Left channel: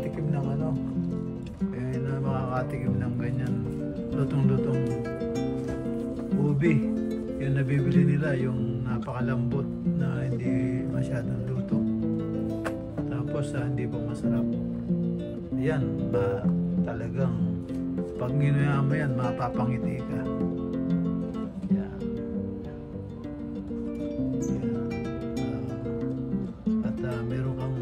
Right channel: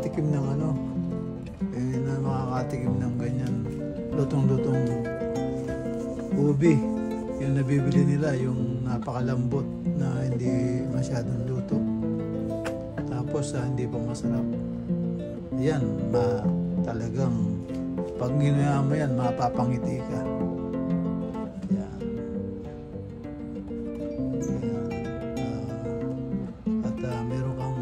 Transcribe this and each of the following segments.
makakatikim ng ano, na makakatikim ng ganyan lutong-lutong ubi. Yung nabibili nila, yung napakalambot na hindi masyadong luto. Tapos hindi pa masarap. Yan, talagang pag ginaya mo yan, mapapangiti ka. Yan. At meron kang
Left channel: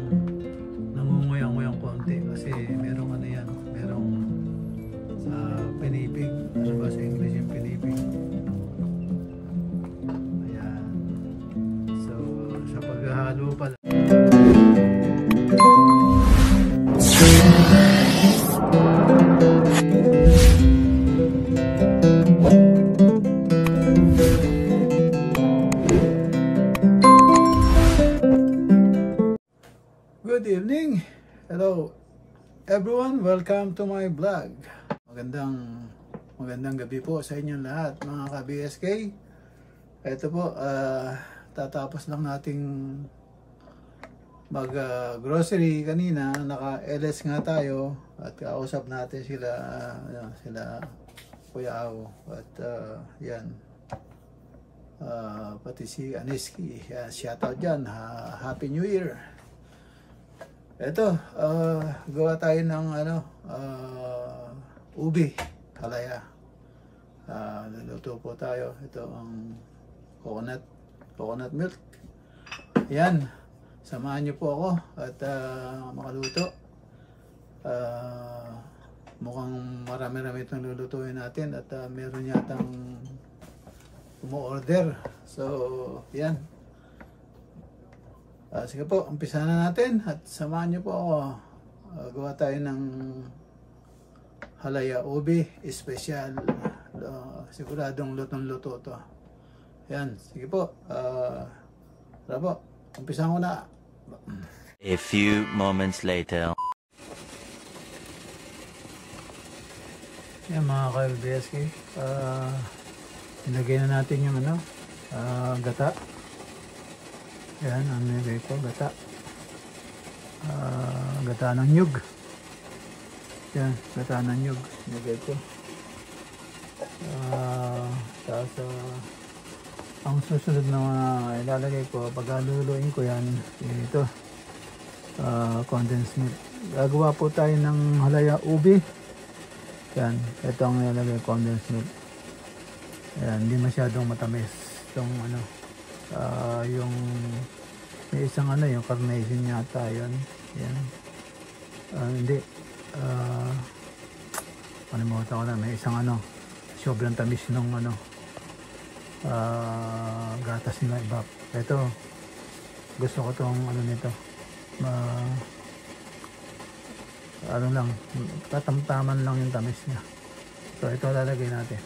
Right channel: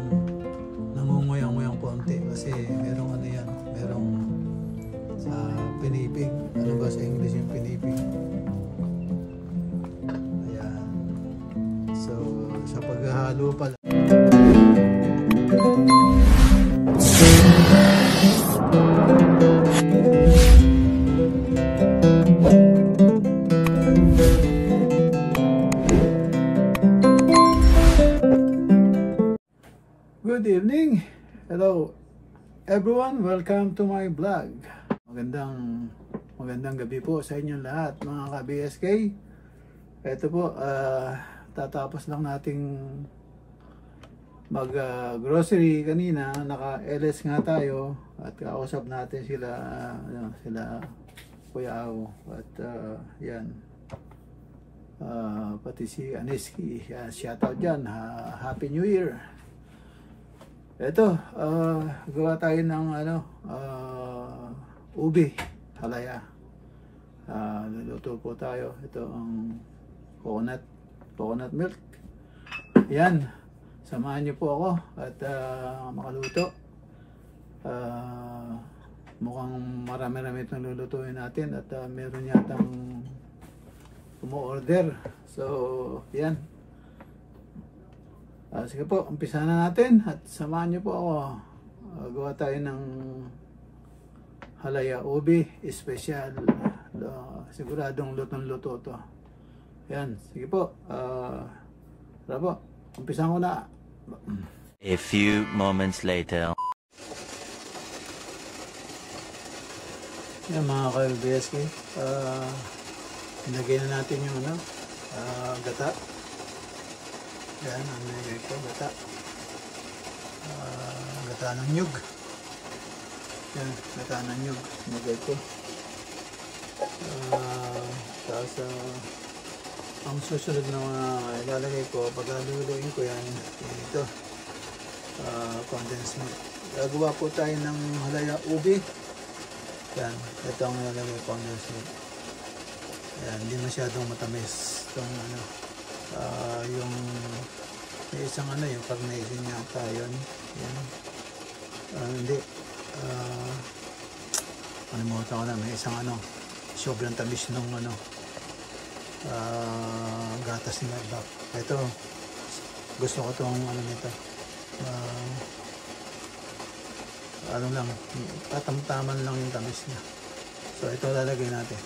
nangunguya-nguyang konti kasi merong ano yan, merong sa pinipig. Ano ba sa English yung pinipig? Ayan. So, sa paghahalo pala. Good evening. Hello everyone, welcome to my vlog. Magandang gabi po sa inyong lahat mga ka-BSK. Ito po, tatapos lang nating mag grocery kanina. Naka-LS nga tayo at kausap natin sila Kuya Aw at yan, pati si Aniski. Shout out dyan, Happy New Year. Ito, gawa tayo ng ubi, halaya. Luluto po tayo. Ito ang coconut milk. Yan, samahan niyo po ako at makaluto. Mukhang marami-rami itong lulutuin natin at meron yatang umu-order. So, yan. Sige po, umpisa na natin at samahan niyo po ako. Gawa tayo ng halaya ubi, special. Siguradong lutong-luto to. Yan, sige po. Tara po, umpisahan ko na. A few moments later. Yan mga ka-LBSK. Ilagay na natin yung gata. Yan, ang nilagay ko, gata. Gata ng nyug. Yan, gata ng nyug. Nilagay ko. Tapos, ang susunod na ilalagay ko, pag luluin ko yan, ito, condensed milk. Gagawa po tayo ng halaya ubi. Yan, ito ang ilalagay, condensed milk. Yan, hindi masyadong matamis. Itong yung may isang yung carnation yata yun. Yan. Hindi. Kalimutan ko na. May isang sobrang tamis nung gatas nila iba. Ito, gusto ko tong nito. Lang, tatamtaman lang yung tamis niya. So, ito lalagay natin.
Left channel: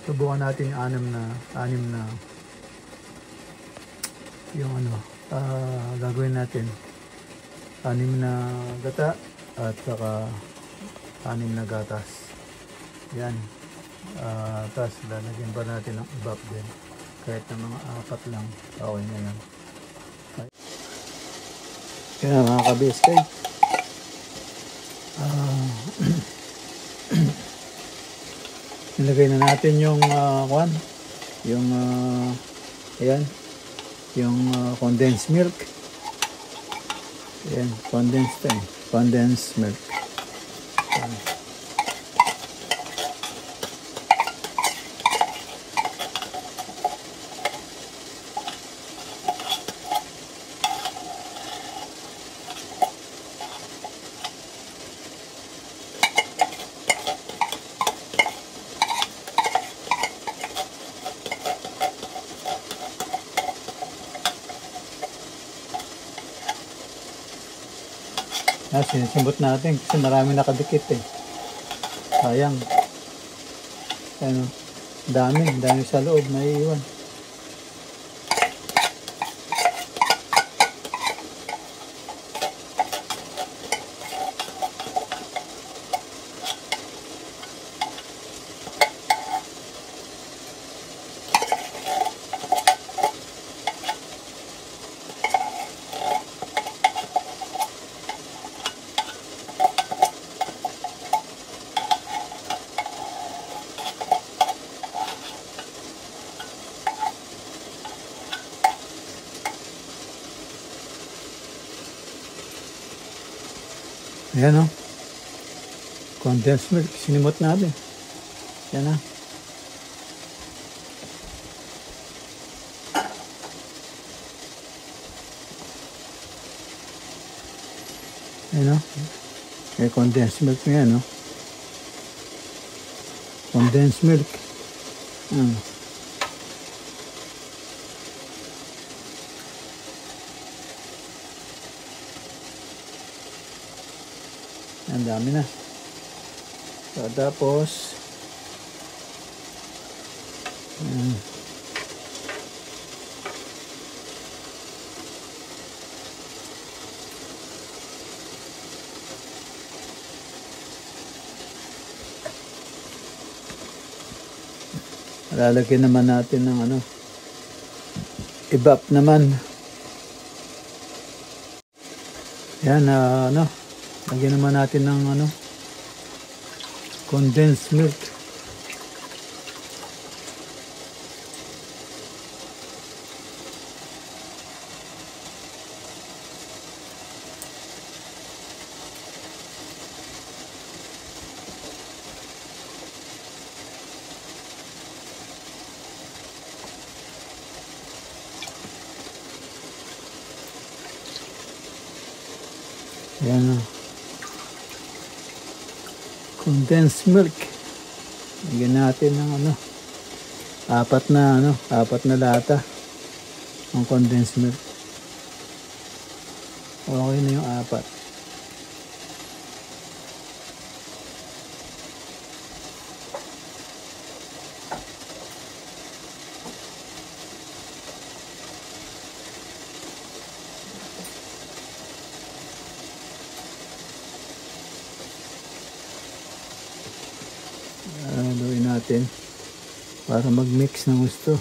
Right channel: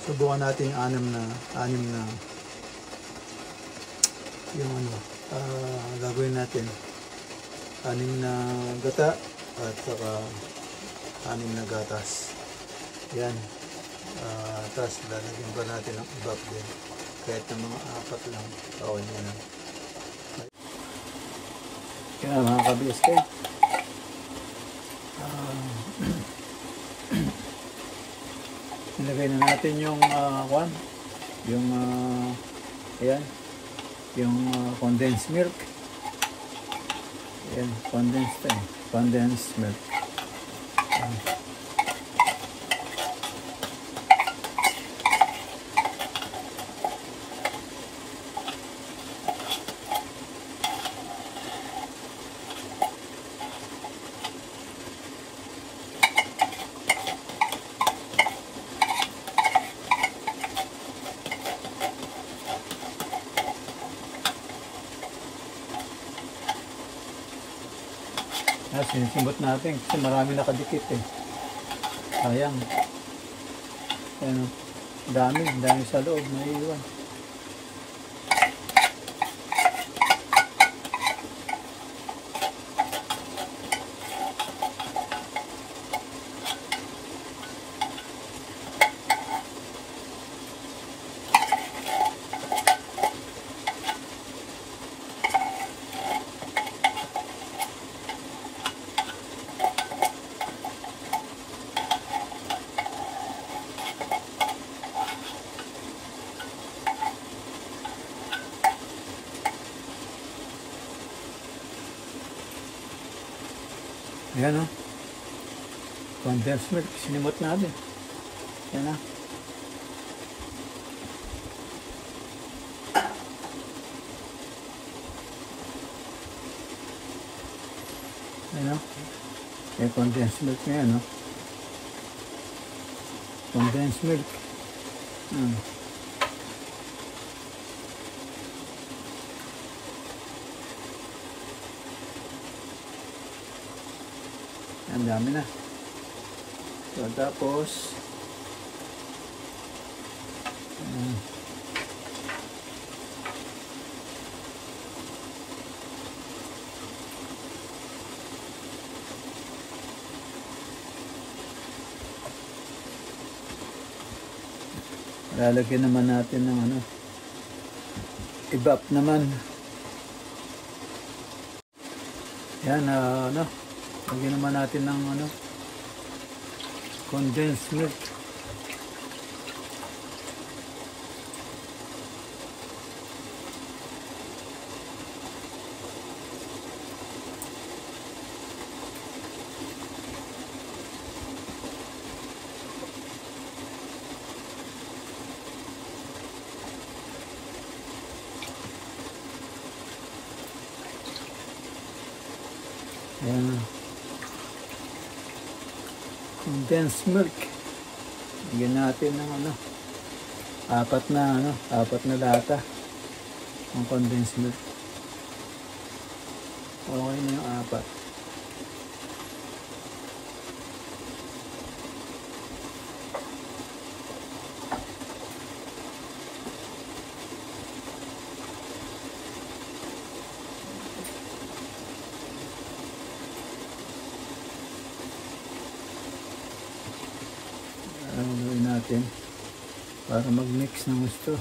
Subukan natin yung anim na yung gagawin natin. 6 na gata at saka 6 na gatas. Yan. Tapos lalagyan pa natin ng ibap din. Kahit na mga 4 lang. Okay na yan. Yan na mga ka-BSK. Nilagay na natin yung ayan, yung condensed milk. Ayan, condensed milk. Ayan. Sinisimbot natin kasi marami nakadikit sayang. Ayan, dami sa loob na iiwan. Ayan o. Condensed milk. Sinimot natin. Yan na. Ayan o. May condensed milk na yan o. Condensed milk. Ang dami na. So, tapos lalagyan naman natin ng ano, evap naman. Yan, ano, lagyan naman natin ng ano, condensed milk. Yan, condensed milk. Lagyan natin ng ano, apat na lata ng condensed milk. Okay na yung apat. Para mag-mix ng gusto.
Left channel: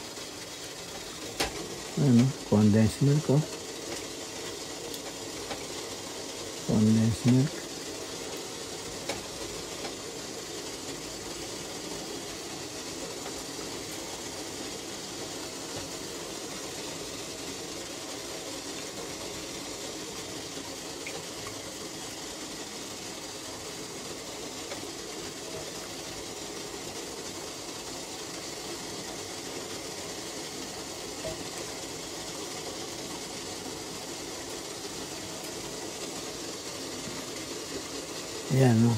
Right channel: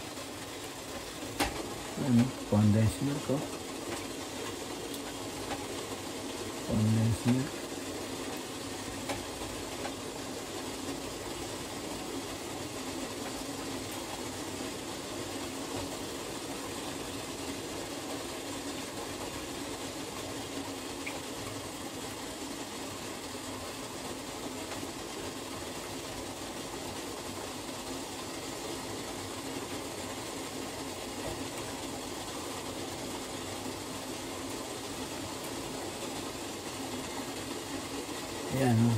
Ano, condensed milk oh. Condensed milk. Ayan,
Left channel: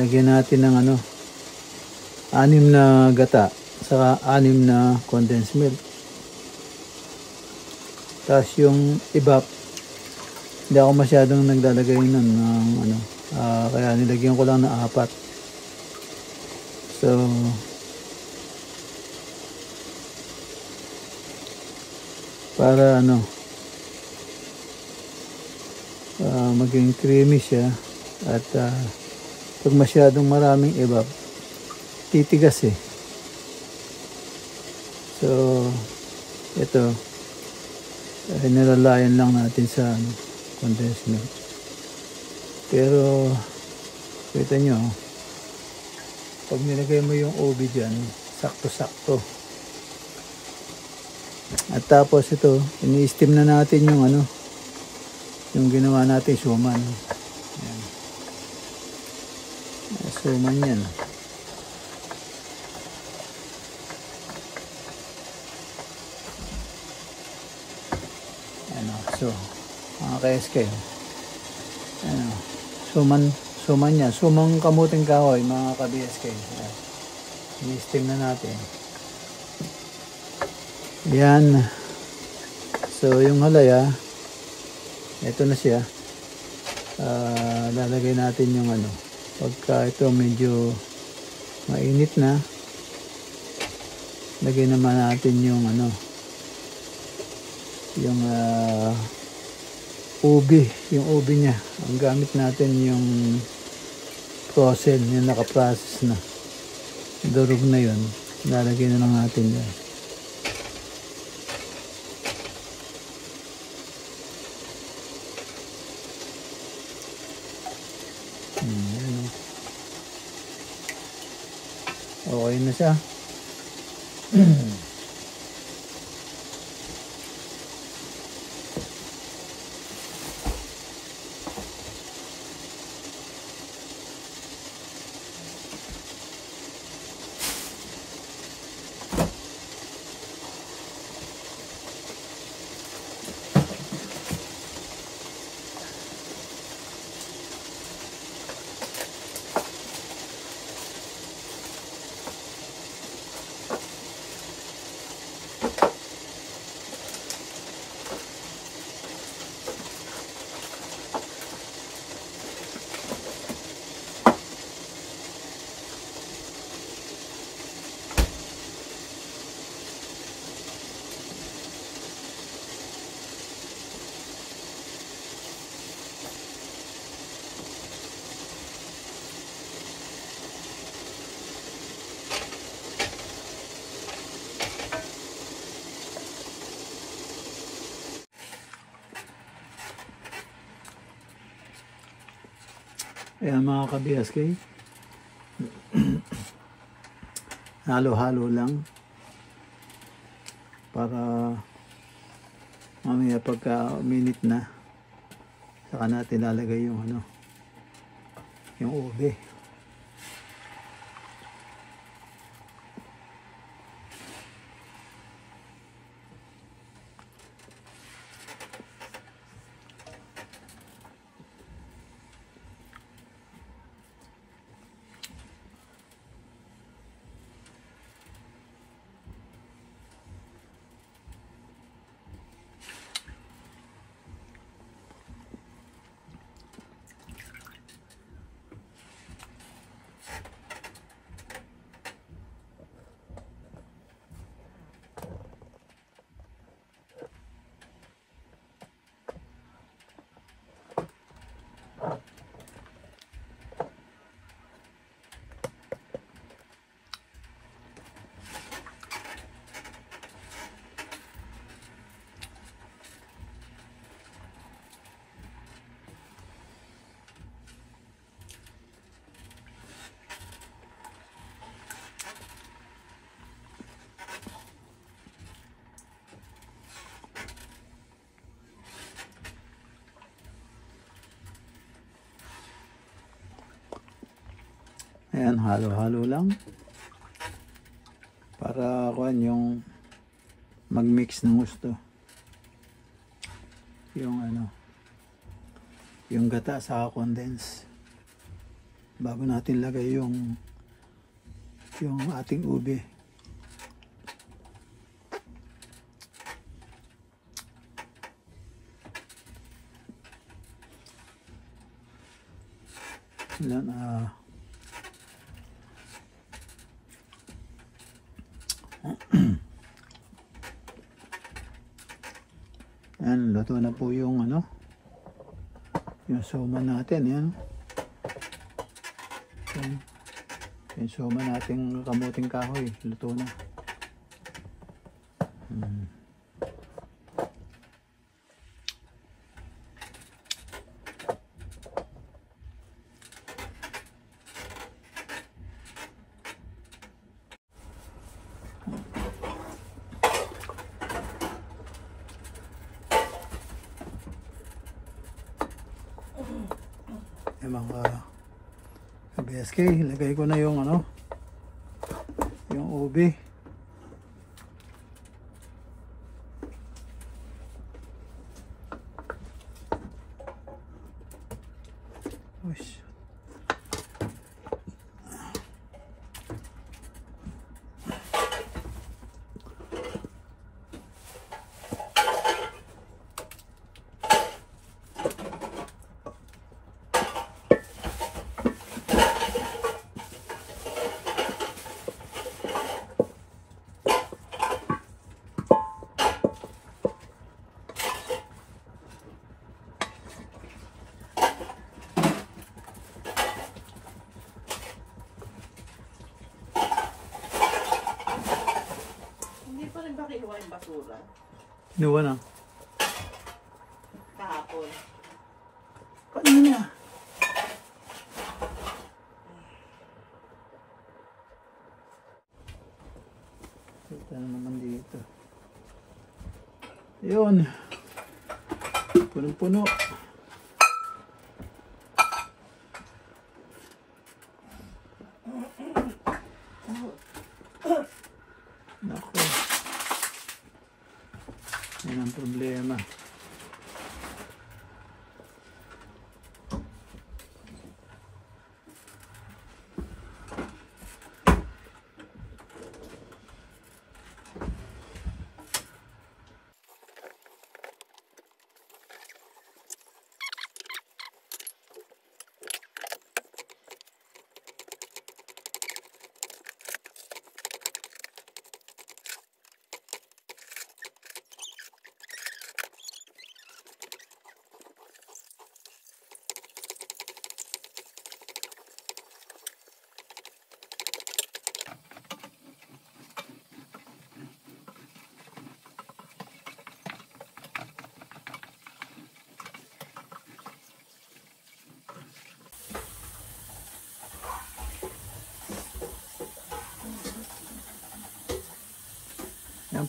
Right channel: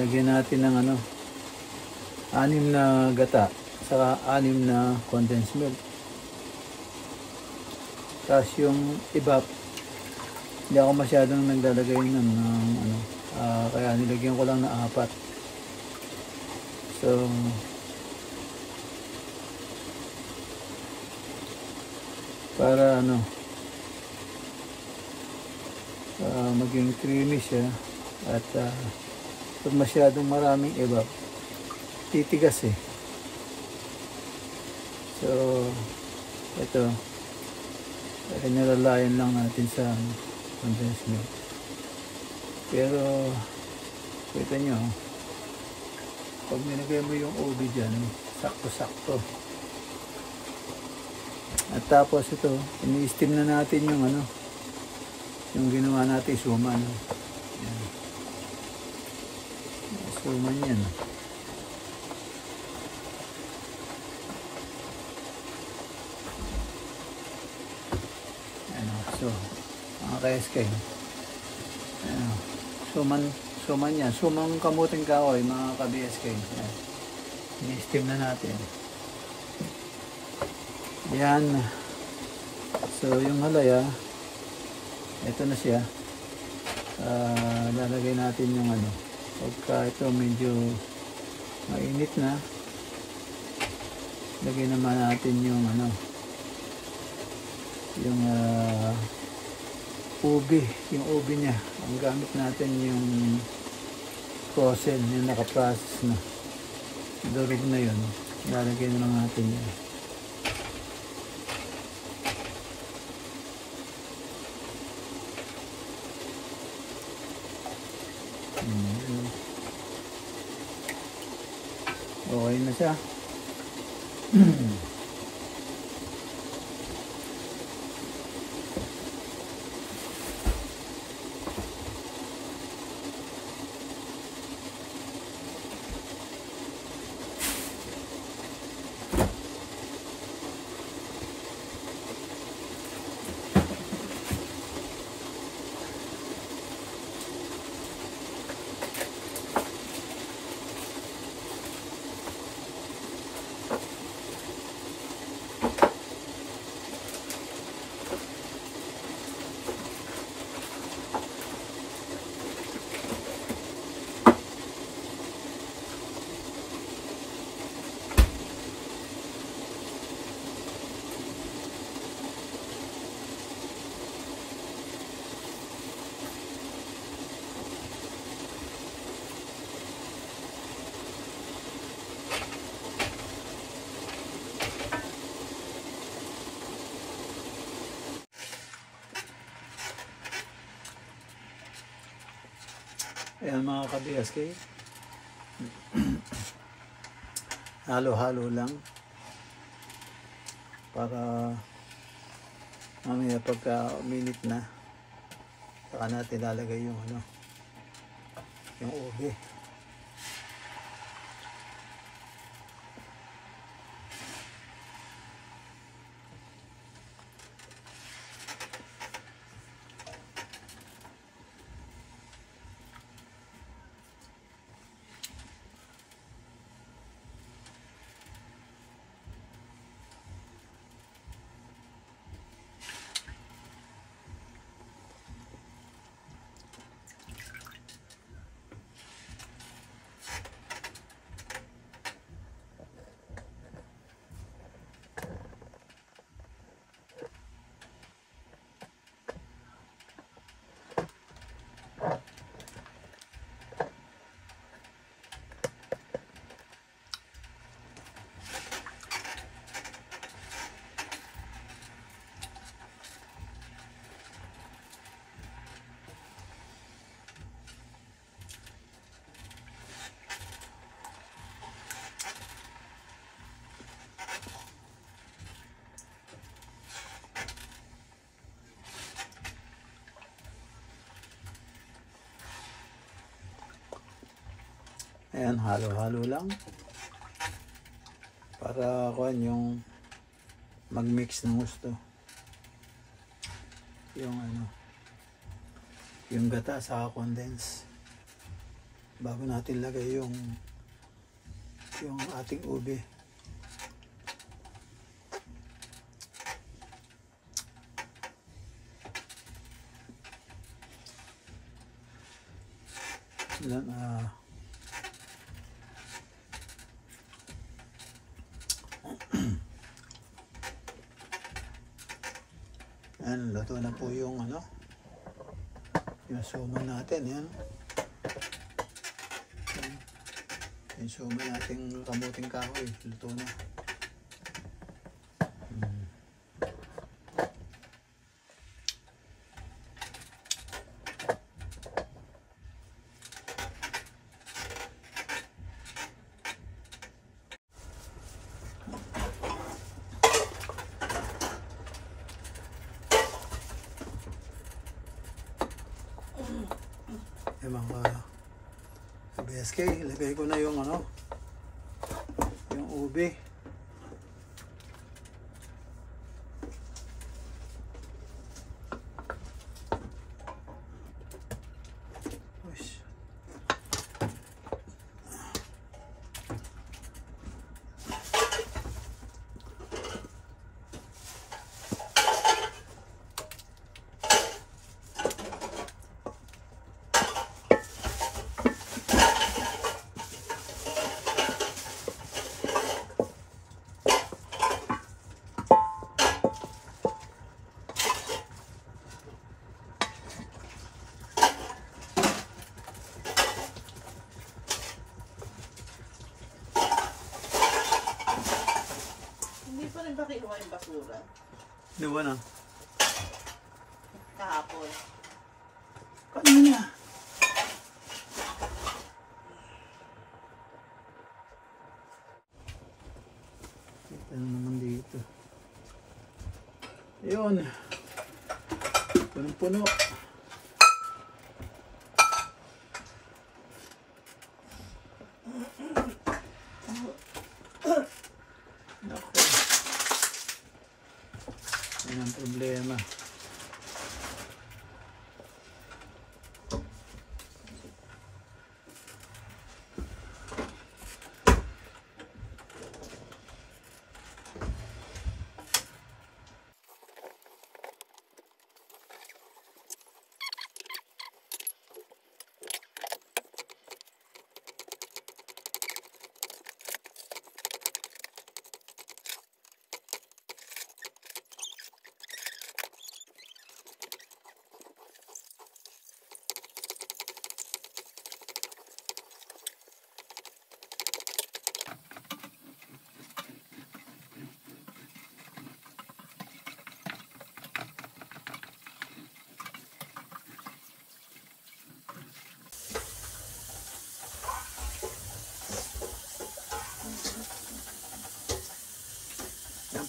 lagyan natin ng ano, 6 na gata sa 6 na condensed milk. Tapos yung evap, hindi ako masyadong naglalagay nun ng ano, kaya nilagyan ko lang na 4. So para ano, maging creamy siya. At pag masyadong maraming evap, titigas eh. So ito, nilalayan lang natin sa ano, condensed milk. Pero kita nyo, pag nilagay mo yung ubi dyan, sakto-sakto. At tapos ito, ini-steam na natin yung ano, yung ginawa natin suman. Suman yan. Ano, so mga ka-SK, ano, suman yan, sumang kamuting kahoy mga ka-BSK. I-steam na natin. Yan. So yung halaya, ito na siya. Lalagay natin yung ano, pagka ito medyo mainit na, lagay naman natin yung ano, yung ubi niya. Ang gamit natin yung frozen, yung naka-process na durog na yun, lalagay na lang natin yan. Okay na siya. Kaya mga ka-BSK, halo-halo lang para mamaya pagka minute na saka natin lalagay yung ano, yung ube. Ayan, halo-halo lang para kuan yung mag-mix ng gusto yung ano, yung gata sa condense bago natin lagay yung ating ube. Ilan, yan, luto na po yung ano, yung soma natin. Yan, yung soma nating kamuting kahoy, luto na. Mga BSK, ilagay ko na yung ano, yung ube. Ush. Kinuha yung basura Diwa na. kahapon. Kanina. Ito naman dito. Ayun. Punong-puno. Yan ang problema.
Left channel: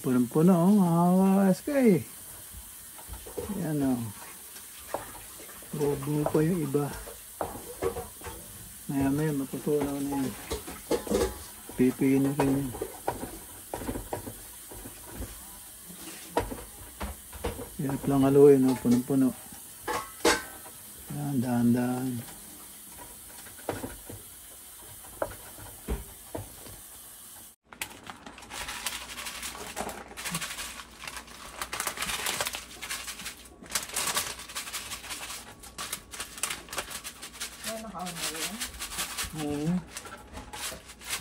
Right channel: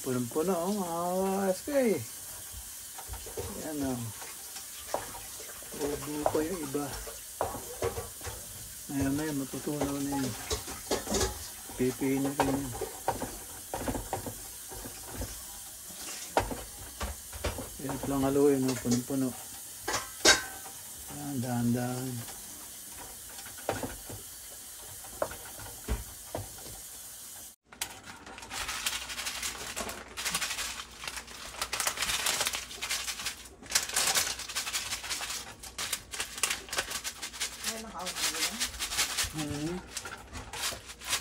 Punong-puno, oh. SK. Yan, oh. Buo pa yung iba. Maya-maya, matutuwa na yan. Pipiin na rin. Yan lang haluin, oh. Punong-puno. Dahan-dahan.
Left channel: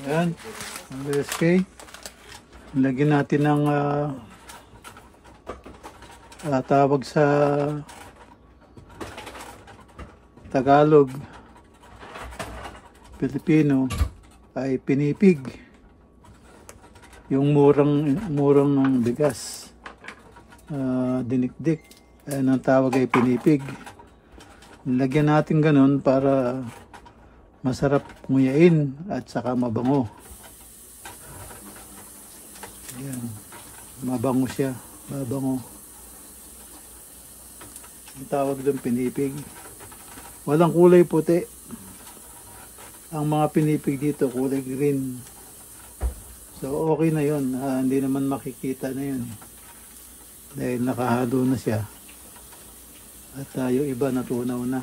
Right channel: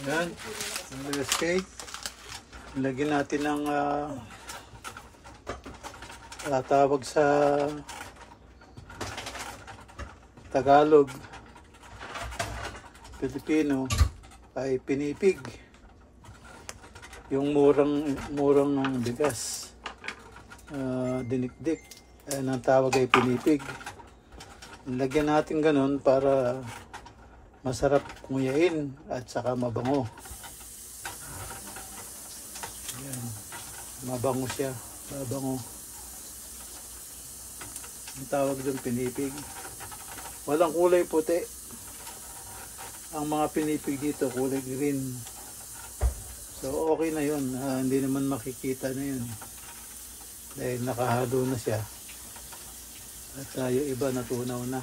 Ayan, ang SK. Lagyan natin ng tawag sa Tagalog, Pilipino ay pinipig. Yung murang bigas, dinikdik. Ayan ang tawag ay pinipig. Lagyan natin ganun para masarap nguyain at saka mabango. Ayan. Mabango siya. Mabango. Ang tawag doon pinipig. Walang kulay puti. Ang mga pinipig dito kulay green. So okay na yun. Hindi naman makikita na yun. Dahil nakahalo na siya. At yung iba natunaw na.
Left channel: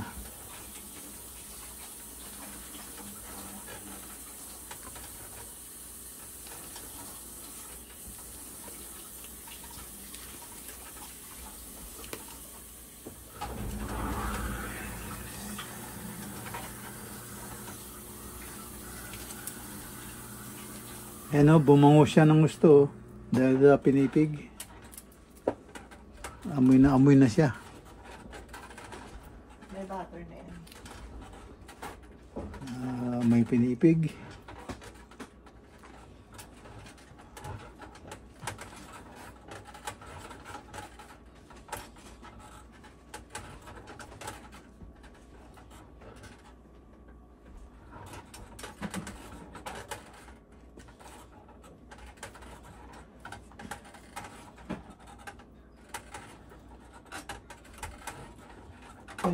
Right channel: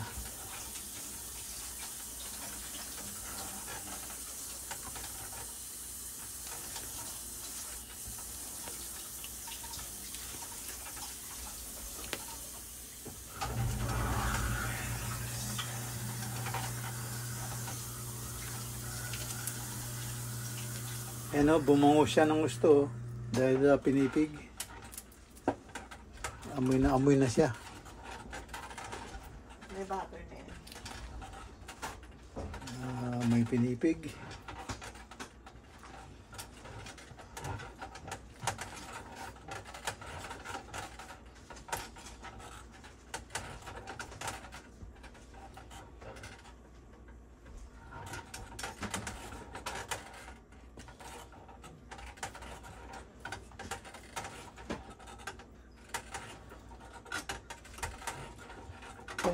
Ano, bumango siya ng gusto dahil pinipig. Amoy na siya. May vapor na yan. May pinipig.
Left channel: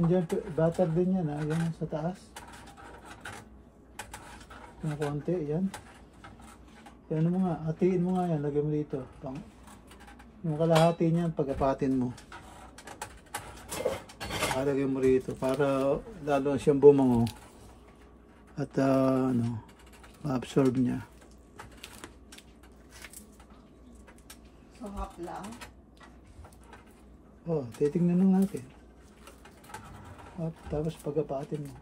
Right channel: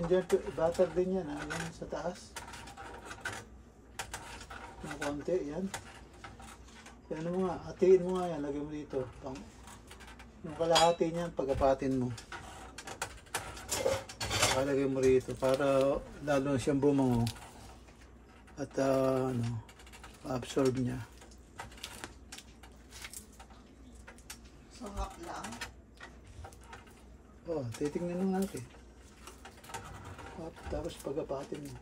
Yan, butter din yan, yan sa taas. Yung konti, yan. Yan mo nga, hatiin mo nga yan, lagyan mo dito. Yung kalahati niyan, pagkapatin mo. Kalagay mo rito para lalo siyang bumango. At ma-absorb niya. So hot lang? Oh, titingnan lang natin. At tapos pagkapatin mo.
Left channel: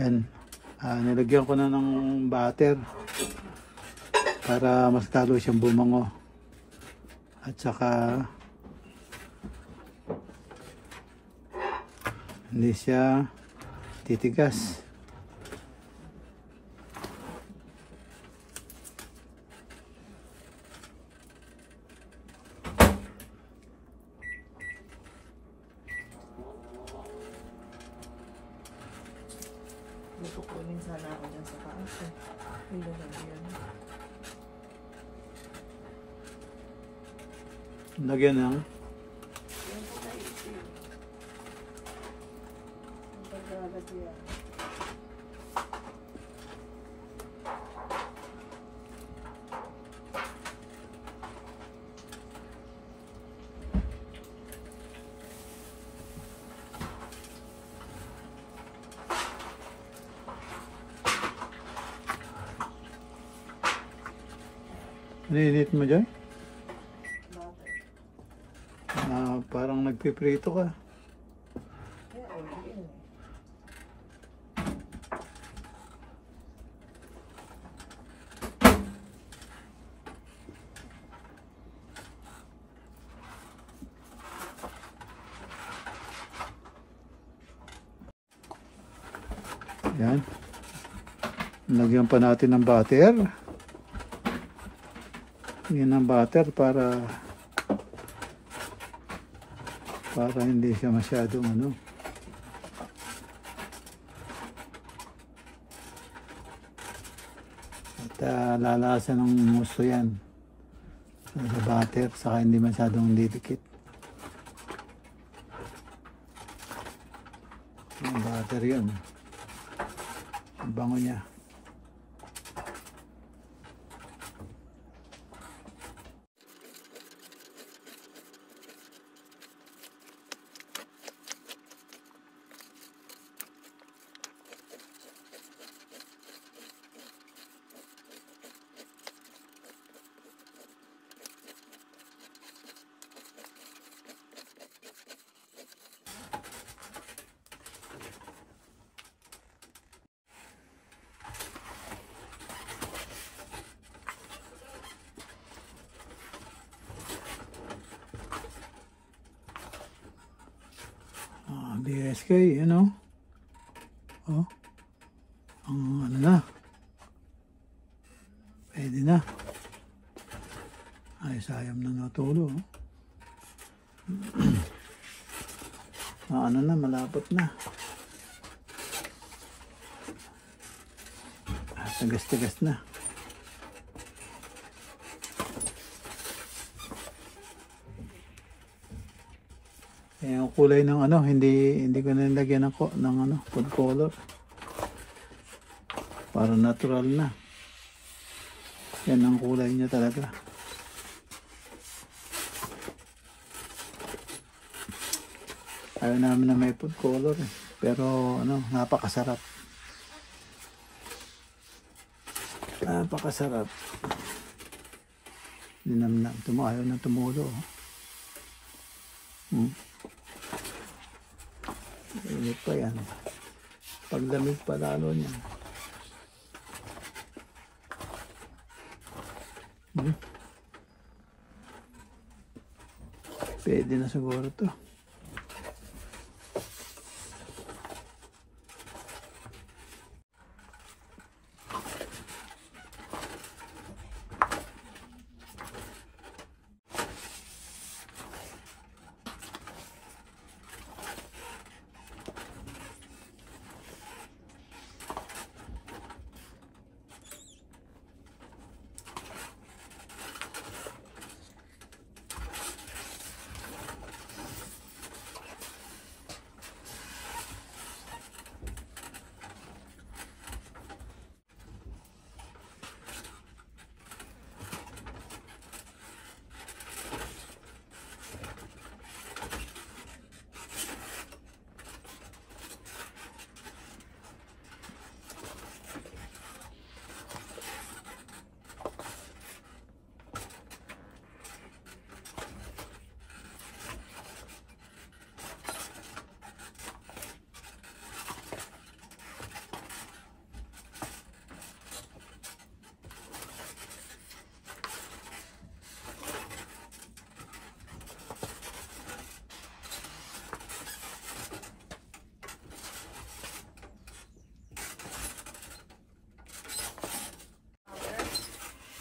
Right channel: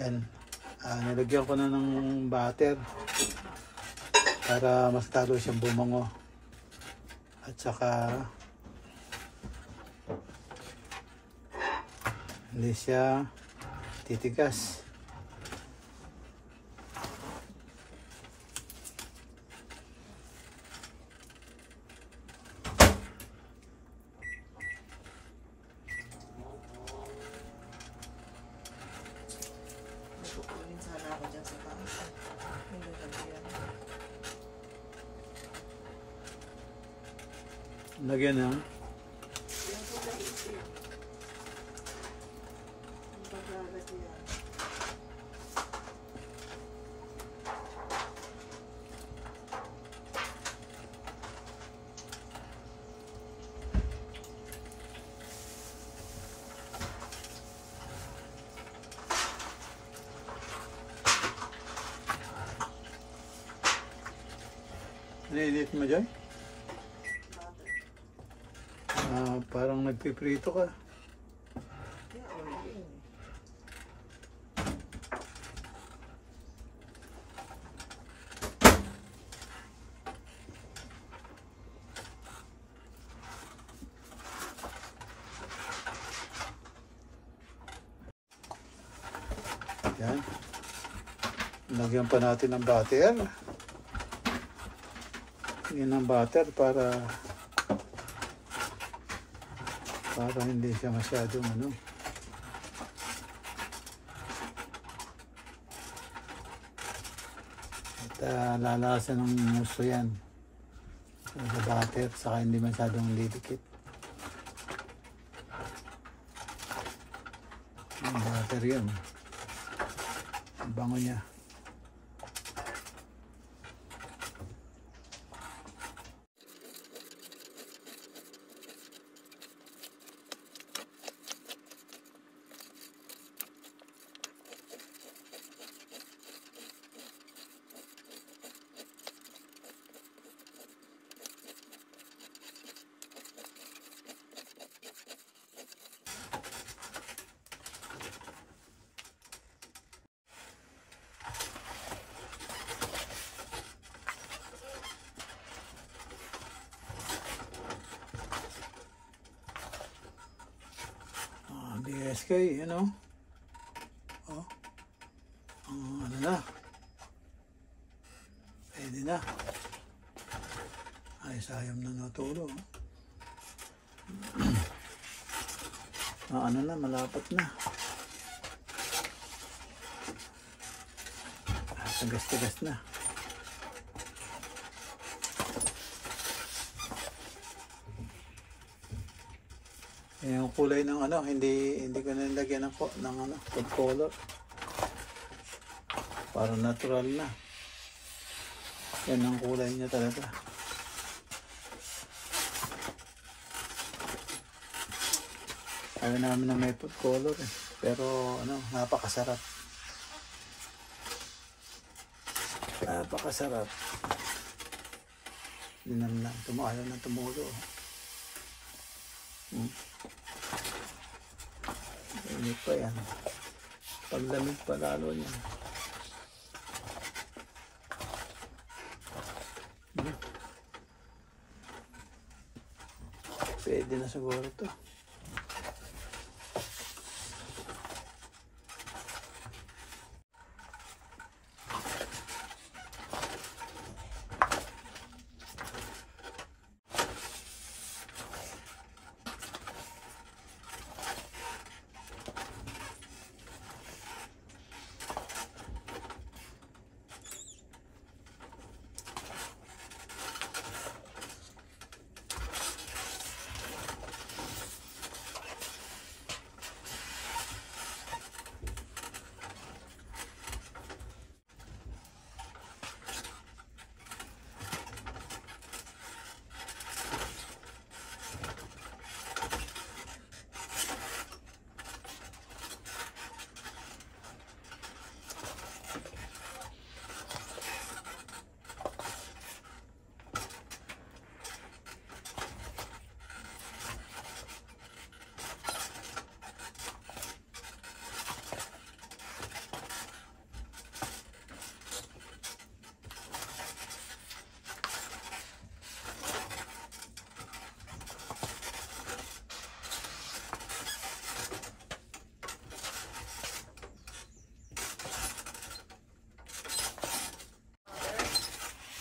Yan. Nilagyan ko na ng butter para mas lalo siyang bumango. At saka hindi siya titigas. Kukunin sana ako dyan sa taas. Hindi na yan. Lagyan na. Ang pagkagat yan. Nainit mo dyan? Bakit? Parang nagpiprito ka. Kaya oil yun. Yan. Lagyan pa natin ng butter. Yan ang butter para hindi siya masyadong ano. At lalasan ng gusto yan. Sa butter, saka hindi masyadong didikit. Ang butter yun. Ang bango niya. BSK, you know? Oh. Ano na? Pwede na. Ay, sayang na natulo. Ano na, malapot na. Tagas-tagas na. Eh, yung kulay ng ano, hindi ko nilagyan ng ano, food color. Parang natural na. Yan ang kulay niya talaga. Kaya namin na may food color. Pero ano, napakasarap. Napakasarap. Hindi naman na, ayaw na tumulo. Init pa yan. Pagdamig pa lalo na. Pwede na siguro ito.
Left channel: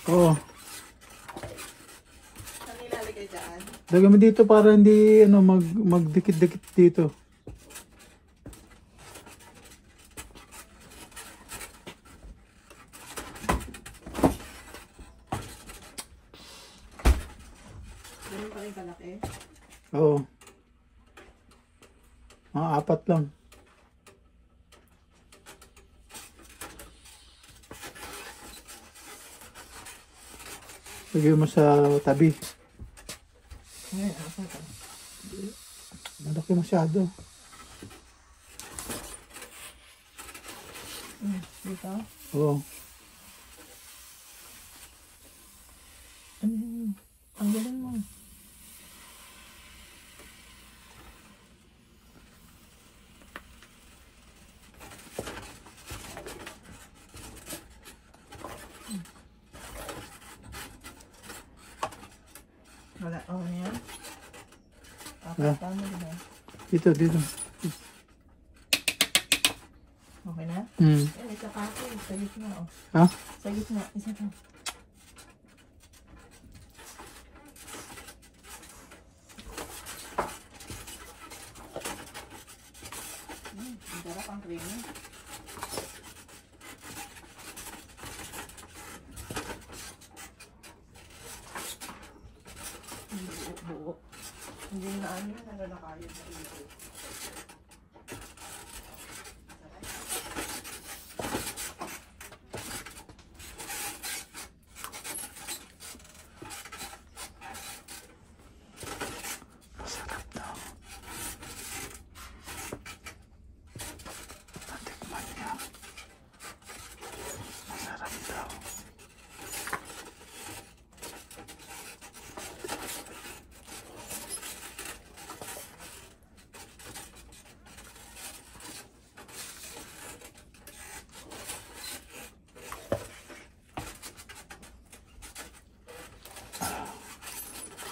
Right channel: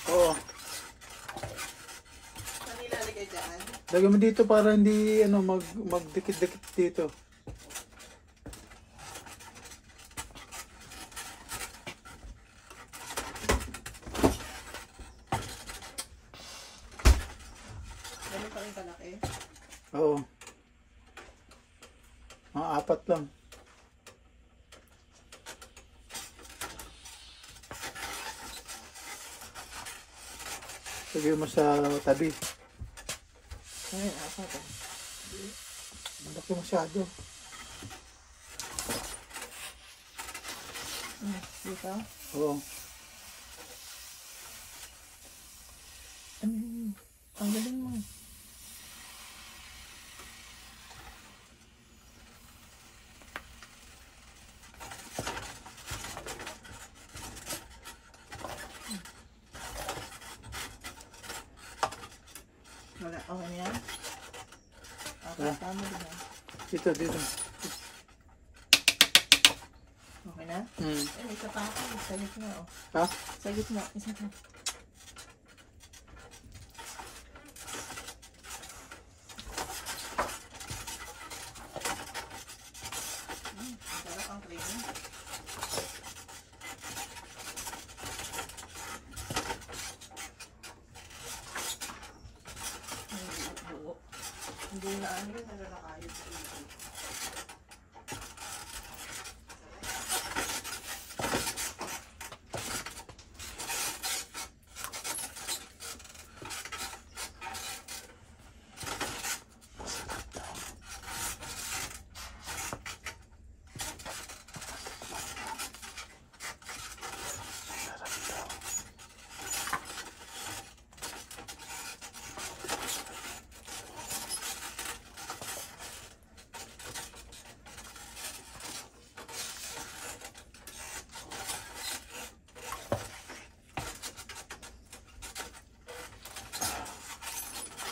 Oo. Ano nilalagay dyan? Lagyan mo dito para hindi ano, magdikit-dikit dito. Ganun pa rin kalaki. Oo. Mga 4 lang. Lagyan mo sa tabi. Ay, ako ito. Malaki masyado. Dito? Oo. Wala. O, yan. Yeah. Tama ba? Dito. Okay na? Isa pa ako. Sa gitna, o. Ha? Sa gitna. Isa pa. Ang sarap ang creamy. Buo. Hindi na ano na nalalakayan sa ito.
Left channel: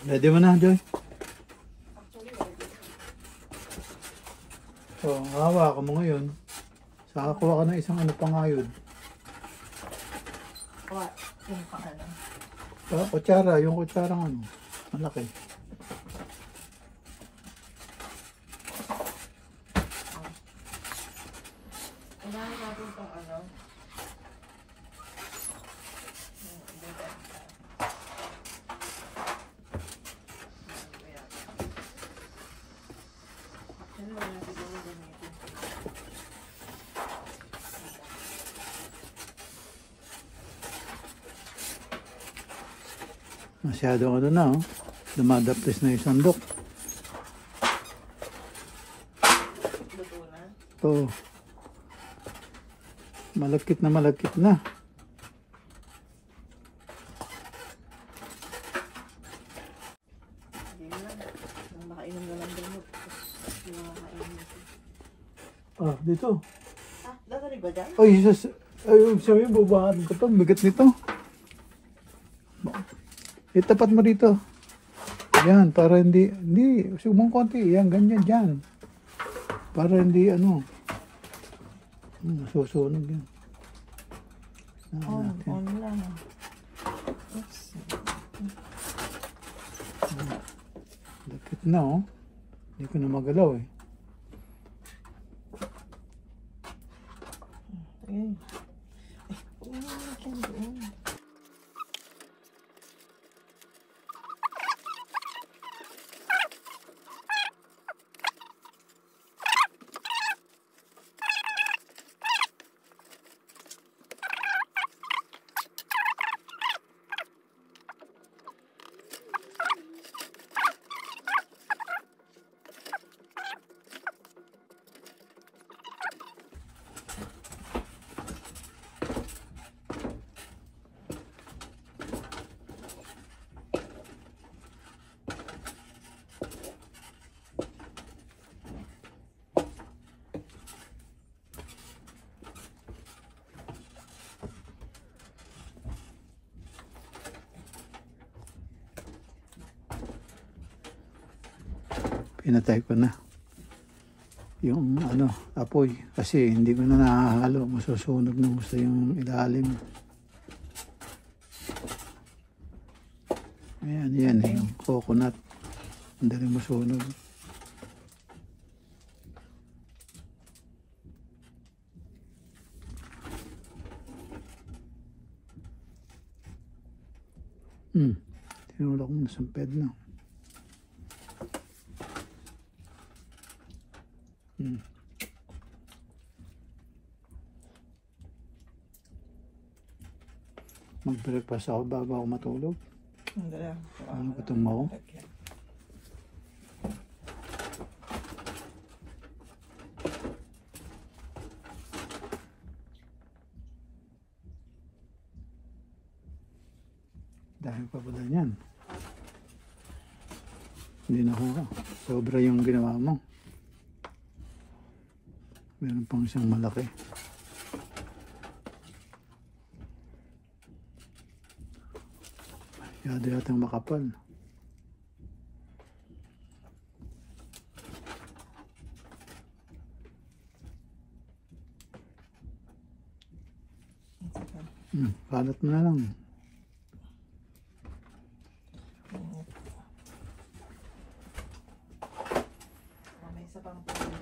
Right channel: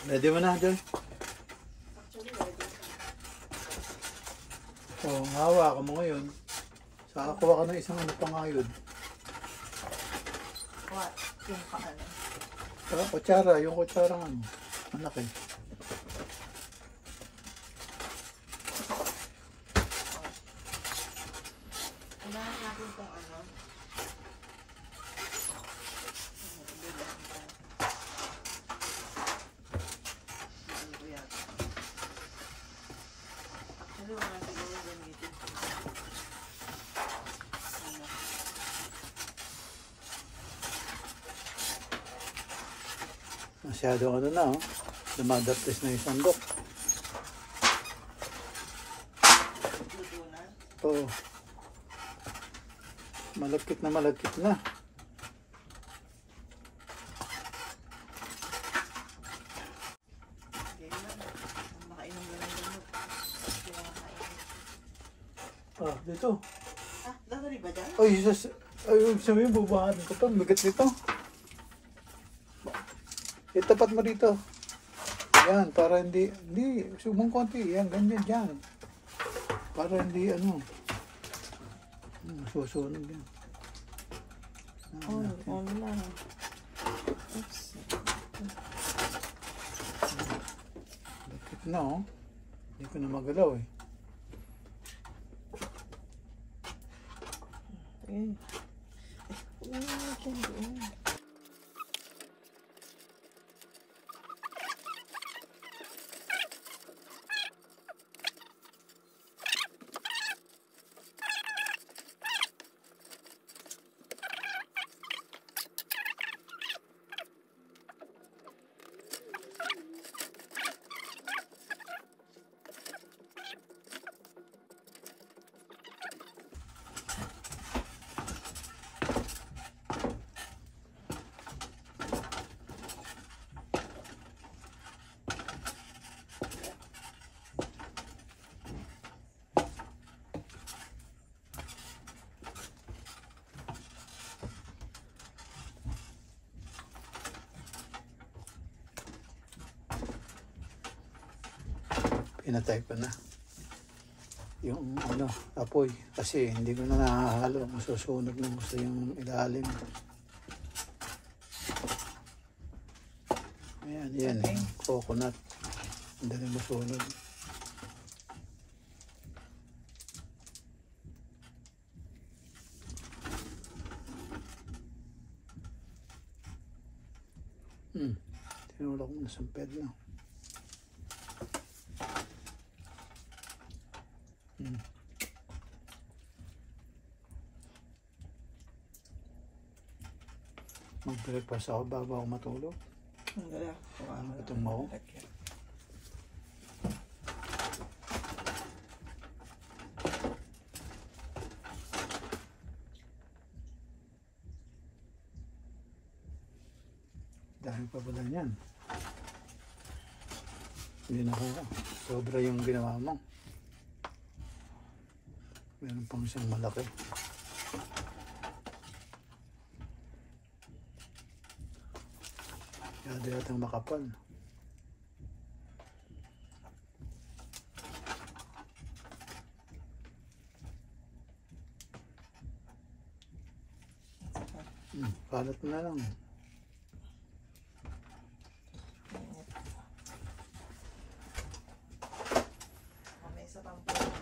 Ready mo na, Joy? So, hawa ka mo ngayon. Saka kuha ka ng isang ano pa nga yun. What? Yung pakala. Kutsara, yung kutsara ano. Malaki. Unahin natin itong ano. Masyado ano na, oh. Lumadapis na yung sandok. Luto na. So, malagkit na. Hindi na. Ang makainom na lang gamot. Kaya makainom. Oh, dito. Ah, dadali ba dyan? Ay, sabi mo, baka dito pa, bigat nito. Itapat mo dito. Yan, para hindi, subong konti. Yan, ganyan dyan. Para hindi, ano, susunod yan. Oh, ano lang. Oops. Lakit na, oh. Hindi ko na magalaw, eh. Ayun. Uy, natin doon. Pinatay ko na yung ano, apoy kasi hindi ko na nahahalo, masusunog na gusto yung ilalim. Ayan, yung coconut, hindi rin masunog. Tinulak mo na samped na. Mag-breakfast ako bago ako matulog. Ang galang. Ano ka tumaw? Dahil pa pala niyan. Hindi na ako. Sobra yung ginawa mo. Meron pang isang malaki. Kaya yatang makapal.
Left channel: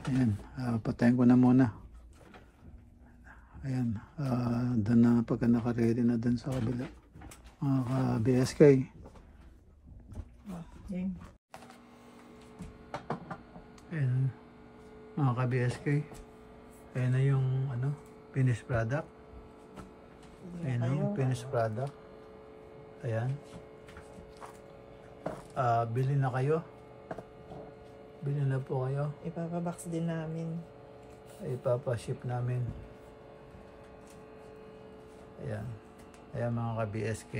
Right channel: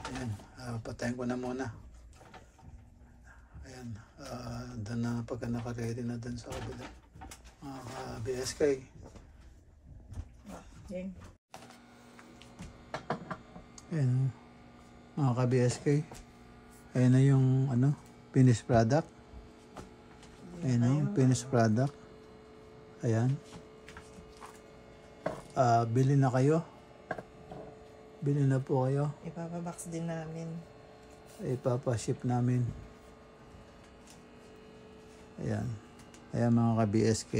Ayan, patayin ko na muna. Ayan, doon na pagka naka-ready na doon sa kabila. Mga ka-BSK. Yan. Ayan, mga ka-BSK. Ayan na yung ano, finished product. Ayan na yung finished product. Ayan. Bili na kayo. Bili na po kayo. Ipapabox din namin. Ipapaship namin. Ayan. Ayan mga ka-BSK.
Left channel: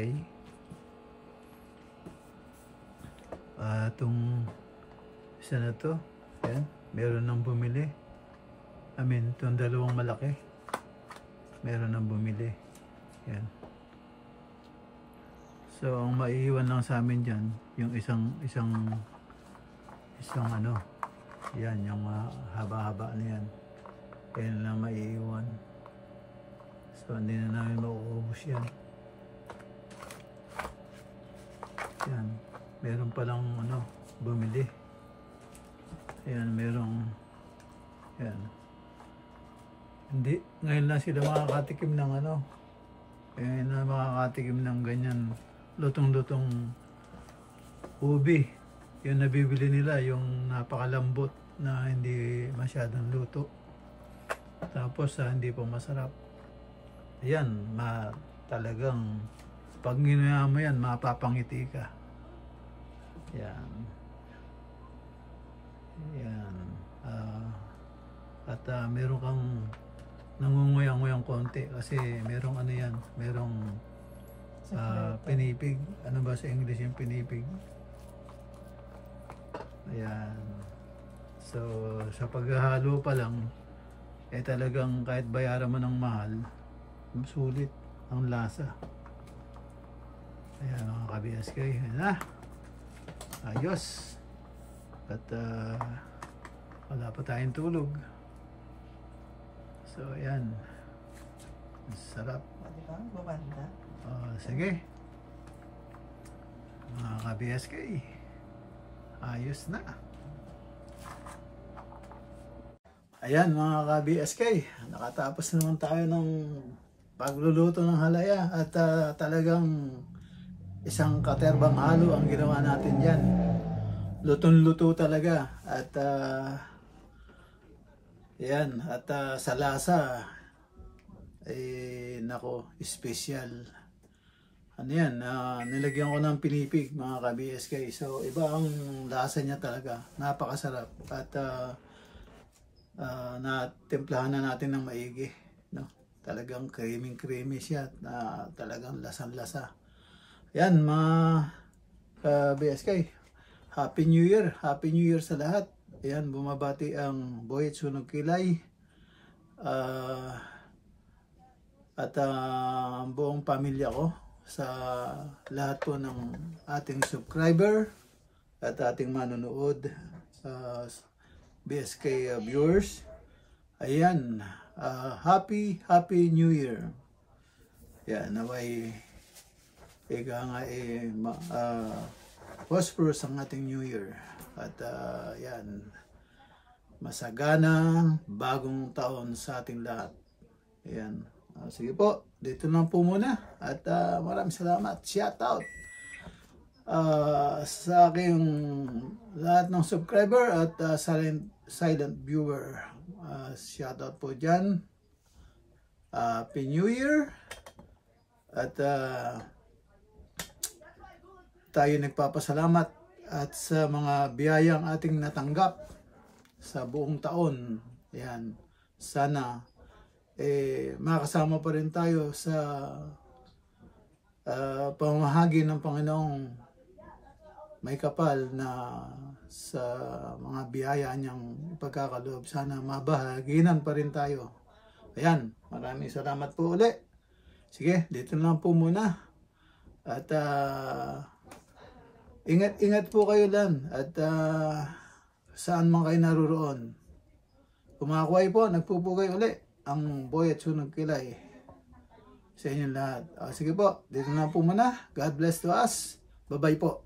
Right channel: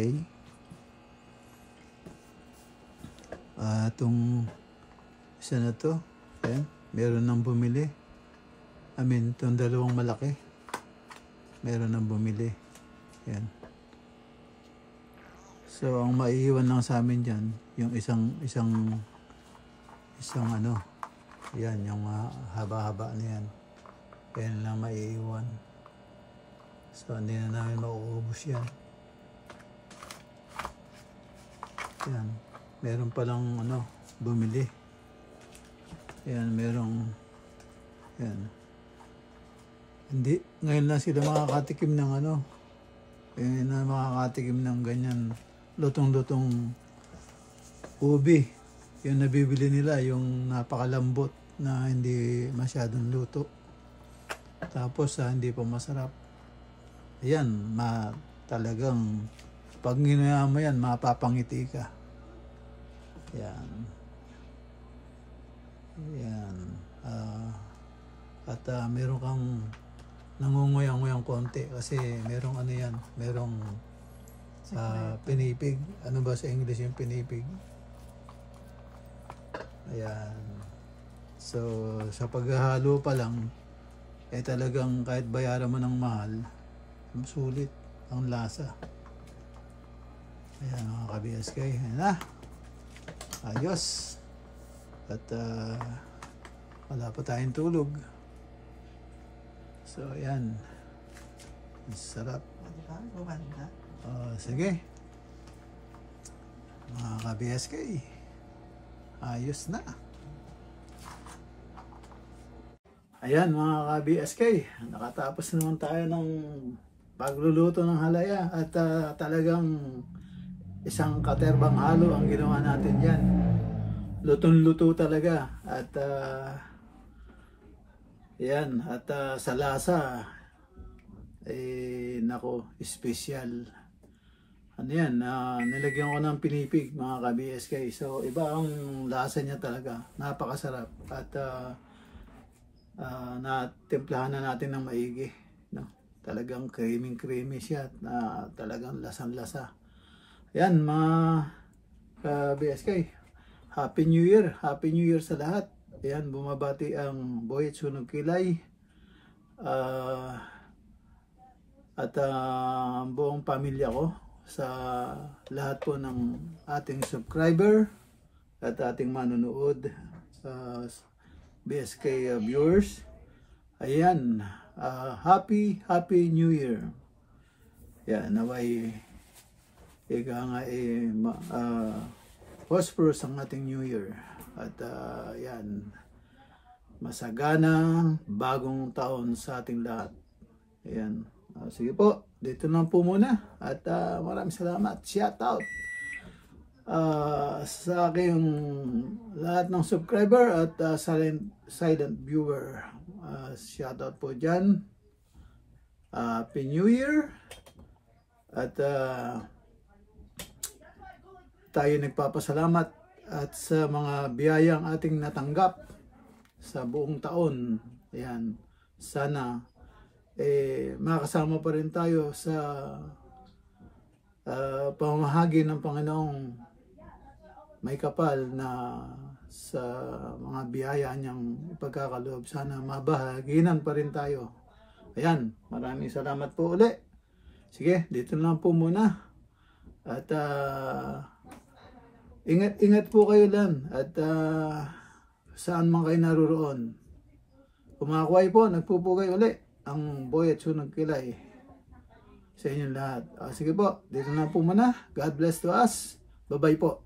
Itong isa na to. Ayan. Meron nang bumili. I mean, itong dalawang malaki. Meron nang bumili. Ayan. So, ang maiiwan lang sa amin dyan, yung isang ano, yan, yung haba-haba na yan. Yan na maiiwan. So, hindi na namin mauubos yan. Yan. Meron palang ano, bumili. Yan, merong, yan. Hindi, ngayon lang sila makakatikim ng ano, ngayon na makakatikim ng ganyan, lutong-lutong ubi. Yung nabibili nila, yung napakalambot na hindi masyadong luto. Tapos hindi pa masarap. Ayan, talagang pag ginaya mo yan, mapapangiti ka. Ayan. Ayan. At meron kang nangunguya-nguyang konti kasi merong ano yan, merong pinipig. Ano ba sa English yung pinipig? Ayan. So, sa paghahalo pa lang, talagang kahit bayaran mo ng mahal, sulit ang lasa. Ayan mga ka-BSK. Ayan na. Ayos. At wala pa tayong tulog. So, ayan. Sarap. Diba? Bumanda. Sige. Mga ka-BSK. Ayos na. Ayan mga ka-BSK. Nakatapos naman tayo ng pagluluto ng halaya. At talagang isang katerbang halo ang ginawa natin dyan. Lutong-luto talaga. At yan. At sa lasa, nako, special. Ano yan, nilagyan ko ng pinipig mga ka-BSK. So iba ang lasa niya talaga. Napakasarap. At natimplahan na natin ng maigi. No? Talagang creamy siya. Talagang lasang-lasa. Yan mga ka-BSK. Happy New Year. Happy New Year sa lahat. Ayan, bumabati ang Boy at Sunog Kilay. At ang buong pamilya ko. Sa lahat po ng ating subscriber at ating manonood, BSK viewers. Ayan, happy New Year. Yan, naway prosperous ang ating New Year. At yan, masaganang bagong taon sa ating lahat. Ayan. Sige po, dito lang po muna at maraming salamat. Shout out sa aking lahat ng subscriber at silent viewer. Shout out po dyan. Happy New Year. At tayo nagpapasalamat at sa mga biyayang ating natanggap sa buong taon. Ayan, sana makasama pa rin tayo sa pamahagi ng Panginoong may kapal na sa mga biyaya niyang ipagkakaloob. Sana mabahaginan pa rin tayo. Ayan, maraming salamat po uli. Sige, dito lang po muna. At ingat po kayo lang. At saan man kayo naroon. Kumakuhay po, nagpupugay uli ang Boy at Sunog Kilay sa inyong lahat. Sige po, dito na po muna. God bless to us. Bye-bye po.